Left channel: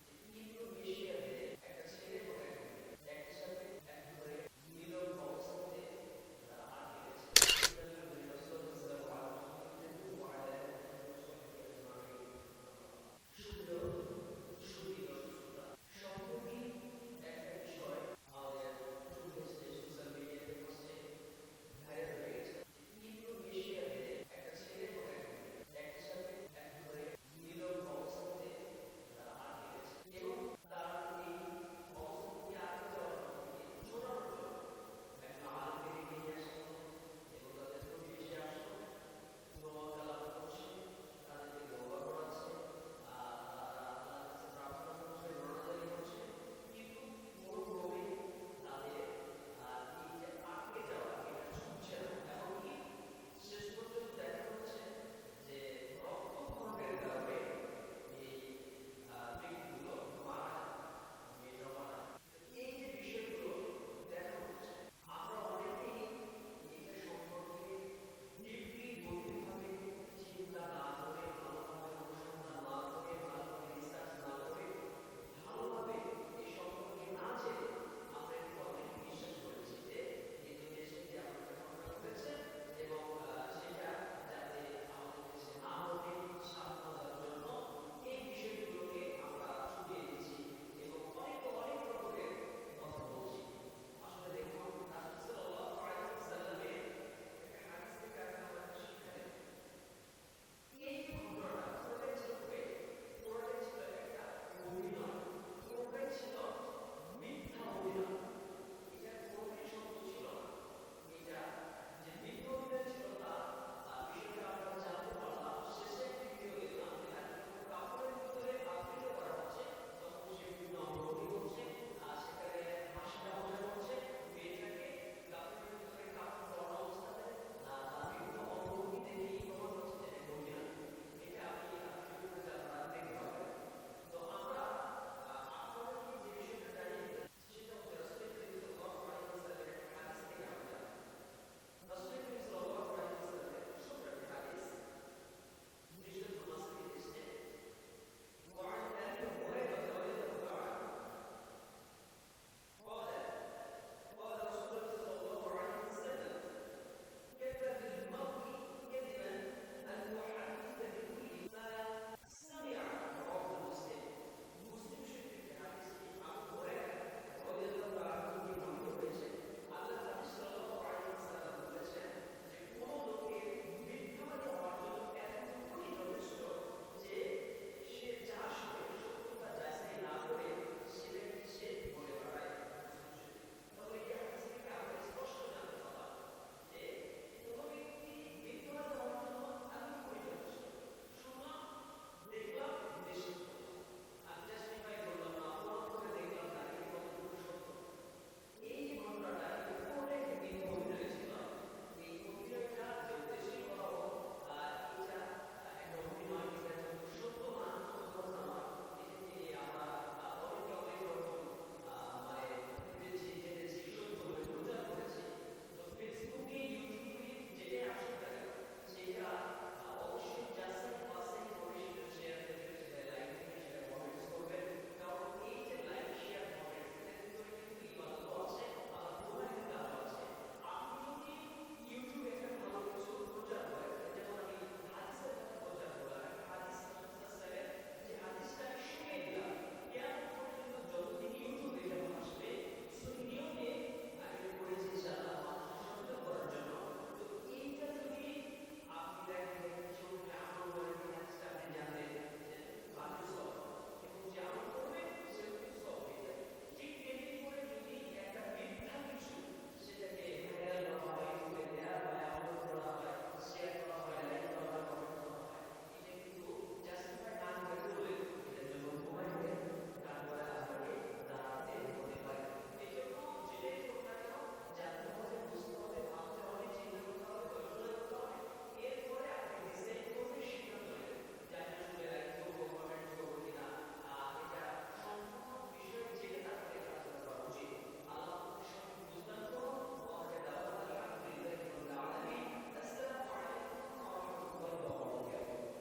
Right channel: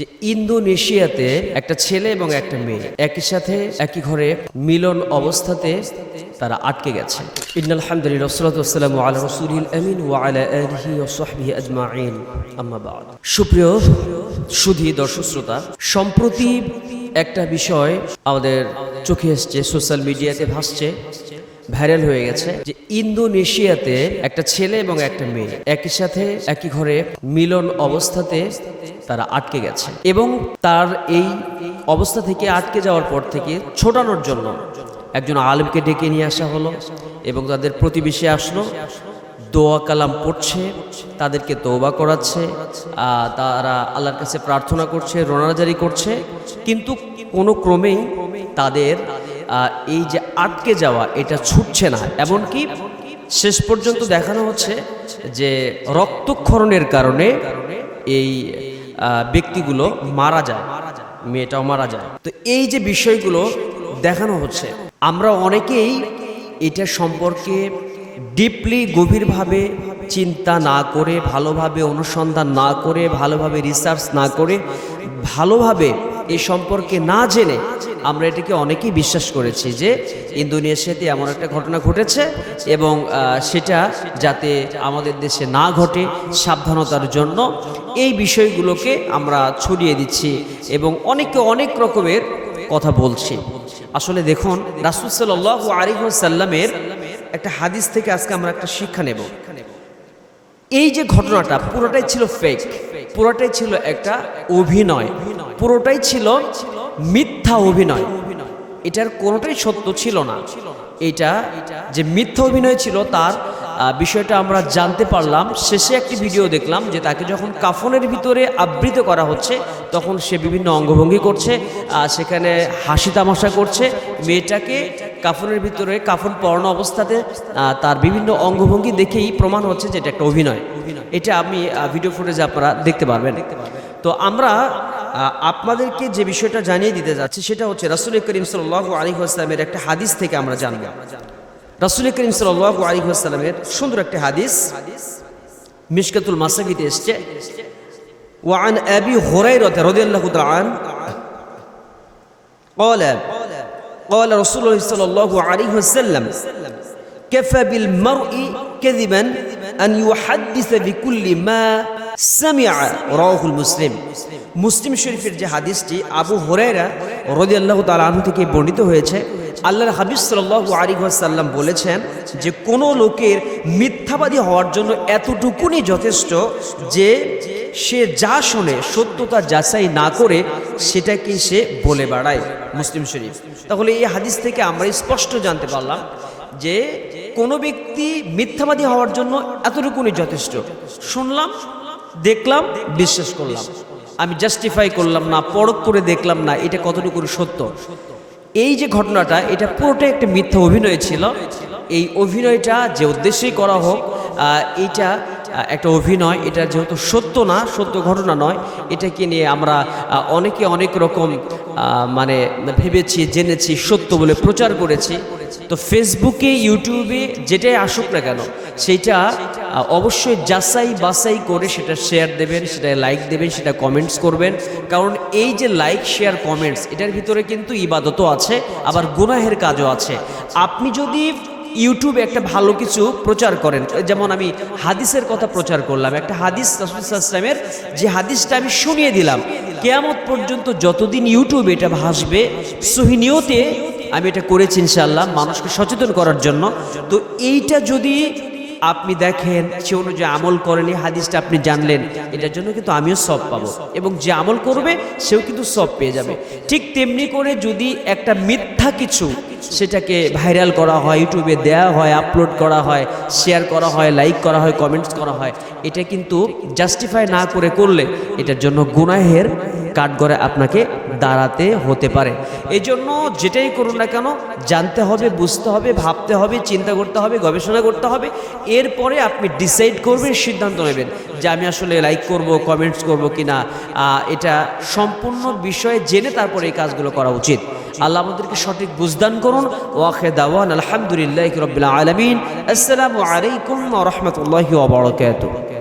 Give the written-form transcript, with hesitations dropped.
যে ইন্দোনেশিয়াতে একটা ছেলে এবং একটা মেয়ে একই সাথে একই ঘরে মিলন অবস্থাতে তারা আটকে গেছে। ইন্নাল হামদুলিল্লাহ ওয়াসসালাতু ওয়াসসালামু আলা রাসূলিল আমিন ওয়া আলা আলিহি ওয়া সাহবিহি আজমাইন, আম্মা বা'দ। সুপ্রিয় সুধী দর্শক শ্রোতা, সম্প্রতি একটা বিষয় আমাদের চোখে এসছে, সোশ্যাল মিডিয়াতে ভাসছে, ভাইরাল হয়ে গেছে যে ইন্দোনেশিয়াতে একটা ছেলে এবং একটা মেয়ে একই সাথে একই ঘরে মিলন অবস্থাতে তারা আটকে গেছে এবং তার এই অবস্থা থেকে আটকে যাওয়ার পর থেকে ছোটানোর জন্য একজন আলেমকে ডেকে নিয়ে আসা হলো এবং তাদের প্রতিবেশী আসলো, দোয়া কালাম পড়ছে, তাদেরকে তওবা করাচ্ছে, তারা আল্লাহর কাছে প্রার্থনা করছে, রোনাজারি করছে, কিন্তু কোনো ক্রমেই তাদের এই যে আটকে যাওয়া এটা ছুটছে না। এমনকি শেষ পর্যন্ত দেখানো হচ্ছে যে রক্তক্ষরণের কারণে এই ব্যক্তিগুলো মারা যায়, মেয়েটাও মারা যায়। তো এই যে বিষয়গুলো দেখানো হচ্ছে, আমরা অনেকেই এটা সম্পর্কে ডিপলি গভীরভাবে চিন্তা না করে, ভালোভাবে অনুসন্ধান না করে, ভালোভাবে রিসার্চ না করে, ভালোভাবে এই সম্পর্কে না জেনে আমরা এটাকে অনেকেই বিশ্বাস করেছি যে ইন্দোনেশিয়াতে এমন একটা ঘটনা ঘটেছে এবং সেটা যাতে আমাদের দেশে না ঘটে সাবধানতার জন্য এই বিষয়গুলোকে আমরা ছড়িয়ে দিচ্ছি এবং অনেকে অনেক রকমের কথা বলছি। আসলে দেখুন, রাসূল সাল্লাল্লাহু আলাইহি ওয়াসাল্লামের একটা হাদিস থেকে আজকে আমরা একটা শিক্ষা নেব। এই যে ঘটনাটা পুরোটাই ছিল ফেক, পুরোটাই ছিল একটা অভিনয়, পুরোটাই ছিল মিথ্যা অভিনয়, এটার কোনোটাই সত্য ছিল না। এটা যে মিথ্যা অভিনয় ছিল তার বিষয়টা আমরা জানতে পারলাম। শেষে একটি ভিডিও দেখলাম যে তাকে যখন কাফনের ভিতরে আবৃত করা হচ্ছে তখন সে বিভিন্ন অঙ্গভঙ্গি করছে, সেখানে হাসি তামাশা করছে। মেয়েটাকে কাফনের ভিতরে কাফন পরানো অবস্থাতে তার বিভিন্ন অঙ্গভঙ্গি দেখেই প্রমাণ হচ্ছে যে এটা একটা অভিনয়। এটা আমি ভিডিও ফুটেজে আপনারা দেখতে পারবেন। তো আমরা আপনাদেরকে যে বিষয়টা জানিয়ে দিতে যাচ্ছি সেটা হচ্ছে রাসূল করিম সাল্লাল্লাহু আলাইহি ওয়াসাল্লামের একটা হাদিস থেকে আমরা জানব। রাসূল করিম সাল্লাল্লাহু আলাইহি ওয়াসাল্লামের সুন্দর একটা হাদিস মিশকাতুল মাসাবিতে এসেছে। ওয়া আন আবি হুরায়রা রাদিয়াল্লাহু তাআলা আন قال رسول الله صلى الله عليه وسلم كفى بالمرء كذبا أن يحدث بكل ما سمع رواه المسلم। মুসলিম শরীফের যে হাদিসটি আবু হুরায়রা রাদিয়াল্লাহু তাআলা আনহু থেকে বর্ণিত হয়েছে, আল্লাহর হাবিব সাল্লাল্লাহু আলাইহি ওয়াসাল্লাম বলেছেন যে কোনো লোকের মিথ্যাবাদী হওয়ার জন্য এতটুকুনি যথেষ্ট যে সে যা শোনে সত্যতা যাচাই না করে সেটাকে সে বলে বেড়ায়। মুসলিম শরীফ। তাহলে এই হাদিস থেকে আমরা স্পষ্ট জানতে পারলাম যে কোনো ব্যক্তি মিথ্যাবাদী হওয়ার জন্য এতটুকুনি যথেষ্ট। শুনলাম, দেখলাম, বিশ্বাস করলাম, আমি জাস্টিফাই করলাম না, পরখ করে দেখলাম না এটা কতটুকু সত্য। এই যে ঘটনাটা এটা পুরোটাই একটা মিথ্যা অভিনয় ছিল। এই অভিনয়টা যে উদ্দেশ্যেই করা হোক, এইটা একটা অভিনয়, এটা যেহেতু সত্য না, সত্য ঘটনা নয়, এটাকে নিয়ে আমরা অনেকে অনেক রকম মানে ভেবেছি, জেনেছি, সত্য বলে প্রচার করেছি। তো ফেসবুকে, ইউটিউবে যেটাই আসুক না কেন সেইটা অবশ্যই যাচাই বাছাই করে সেটা শেয়ার দেবেন, সেটা লাইক দেবেন, সেটা কমেন্টস করবেন। কারণ এই যে লাইক, শেয়ার, কমেন্টস এটার ভিতরে কিন্তু ইবাদতও আছে, আবার গুনাহের কাজও আছে। আপনি যদি ইউটিউবে একটা ভালো কিছু প্রচার করেন, যেমন আমি হাদিসের কথা প্রচার করলাম, একটা হাদিস রাসূল সাল্লাল্লাহু আলাইহি ওয়াসাল্লামের, যে হাদিসটা আমি শুনিয়ে দিলাম, কিয়ামত পর্যন্ত যতদিন ইউটিউবে এটা ভাসবে সহিহ নিয়তে আমি এটা করেছি ইনশাআল্লাহ মানুষকে সচেতন করার জন্য। তো এইটা যদি আপনি দেখেন, সে অনুযায়ী আমল করেন, এই হাদিসটা আপনি জানলেন, এটার জন্য কিন্তু আমিও সওয়াব পাবো এবং যে আমল করবে সেও কিন্তু সওয়াব পেয়ে যাবে। ঠিক তেমনি করে যদি একটা মিথ্যা কিছু সেটাকে ভাইরাল করা হয়, ইউটিউবে দেওয়া হয়, আপলোড করা হয়, শেয়ার করা হয়, লাইক করা হয়, কমেন্টস করা হয়, এটা কিন্তু জাস্টিফাই না করে করলে এটার জন্য গুনাহের কাঠগড়ায় আপনাকে দাঁড়াতে হতে পারে। এই জন্য যেটাই করুন না কেন জানতে হবে, বুঝতে হবে, ভাবতে হবে, চিন্তা করতে হবে, গবেষণা করতে হবে। এরপরে আপনি ডিসাইড করবেন, সিদ্ধান্ত নেবেন যে আমি আসলে লাইক করব, কমেন্টস করব কিনা। এটা সম্পূর্ণ বিষয়ে জেনে তারপরে এই কাজগুলো করা উচিত। আল্লাহ আমাদেরকে সঠিক বুঝদান করুন। ওয়াখির দাওয়ানা আলহামদুলিল্লাহি রাব্বিল আলামিন। আসসালামু আলাইকুম ওয়া রাহমাতুল্লাহি ওয়া বারাকাতুহু।